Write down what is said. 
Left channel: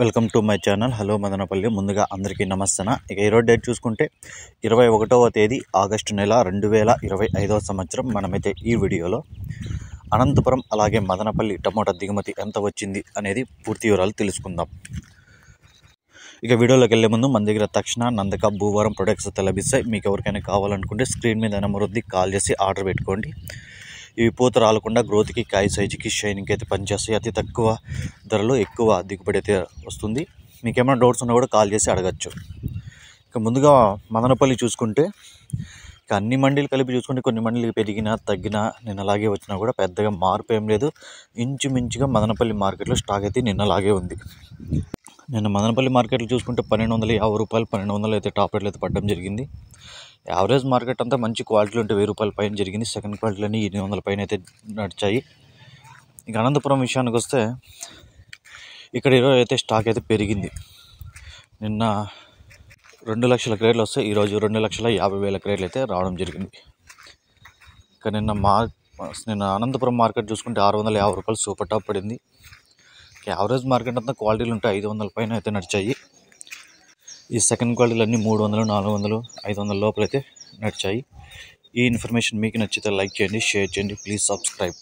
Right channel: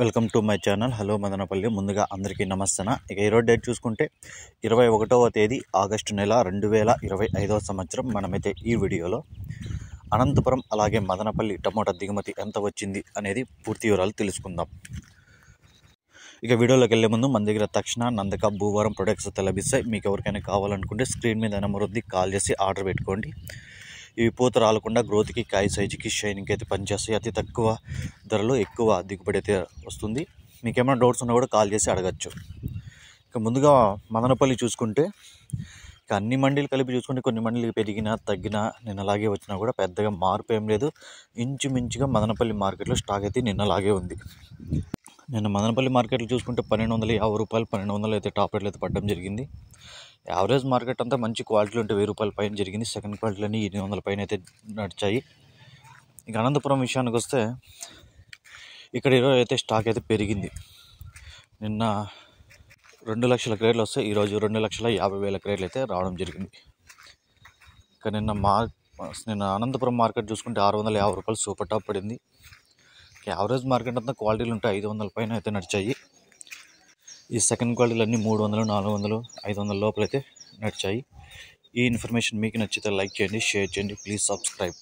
Welcome to my channel. Hello Madanapalle. ముందుగా అందరికీ నమస్తే. ఇక ఈరోజు డేట్ చూసుకుంటే 21వ తేదీ ఆగస్టు నెల 2025వ సంవత్సరం. మనమైతే ఈ వీడియోలో అనంతపురం అలాగే మదనపల్లి టమోటా దిగుమతి ఎంత వచ్చింది అనేది పూర్తి వివరాలు తెలుసుకుందాం. ఇక వీడియోలోకి వెళ్ళే ముందు మన దగ్గర తక్షణ నందక భూవరం ప్రొడక్ట్స్ లభిస్తాయి. మీకు ఎవరికైనా కావాలనుకుంటే స్క్రీన్ మీద నెంబర్ వద్ద కాల్ చేసి ఆర్డర్ పెట్టుకోండి. ఇవి పూత రాలకుండా గ్రోత్కి, కాయ సైజుకి, షైనింగ్కి అయితే పనిచేస్తాయి. అతి తక్కువ ధరలో ఎక్కువ దిగుబడి అయితే వస్తుంది. మీకు ఏమైనా డౌట్స్ ఉన్నా కూడా కాల్ చేసి అడగచ్చు. ఇక ముందుగా మదనపల్లి చూసుకుంటే ఇక అన్ని మండీలు కలిపి చూసుకుంటే కొన్ని మండీలు పెరిగినా తగ్గినా నిన్న అలాగే వచ్చినా కూడా పెద్దగా మార్పు ఏం లేదు. ఇంచుమించుగా మదనపల్లి మార్కెట్లో స్టాక్ అయితే నిన్నలాగే ఉంది. నిన్న మదనపల్లి మార్కెట్లో చూసుకుంటే 1250 రూపాయలు, 1200 అయితే టాప్ రేట్లు అయితే పడడం జరిగింది. యావరేజ్ మార్కెట్ అంతా మంచి క్వాలిటీలు ఉంటే 1000 రూపాయల పైన జరిగింది. సెకండ్ క్వాలిటీలన్నీ 800 పైన అయితే నడిచాయి. ఇక అనంతపురం విషయానికి వస్తే ఇక్కడ ఈరోజు అయితే స్టాక్ అయితే పెరిగింది. నిన్న 2 లక్షల క్రేట్లు వస్తే ఈరోజు 2,50,000 క్రేట్లు అయితే రావడం జరిగింది. ఇక నిన్న అనంతపురం మార్కెట్ చూసుకుంటే 650 రూపాయలు సూపర్ టాప్ పడింది. యావరేజ్ మార్కెట్ అంతా క్వాలిటీలు ఉంటే 500 పైన అయితే నడిచాయి. ఈ సెకండ్ క్వాలిటీలు అన్నీ 300, 400, 500 లోపల అయితే నడిచాయి. ఈ ఇన్ఫర్మేషన్ మీకు నచ్చితే లైక్ చేయండి, షేర్ చేయండి, ప్లీజ్ సబ్స్క్రైబ్.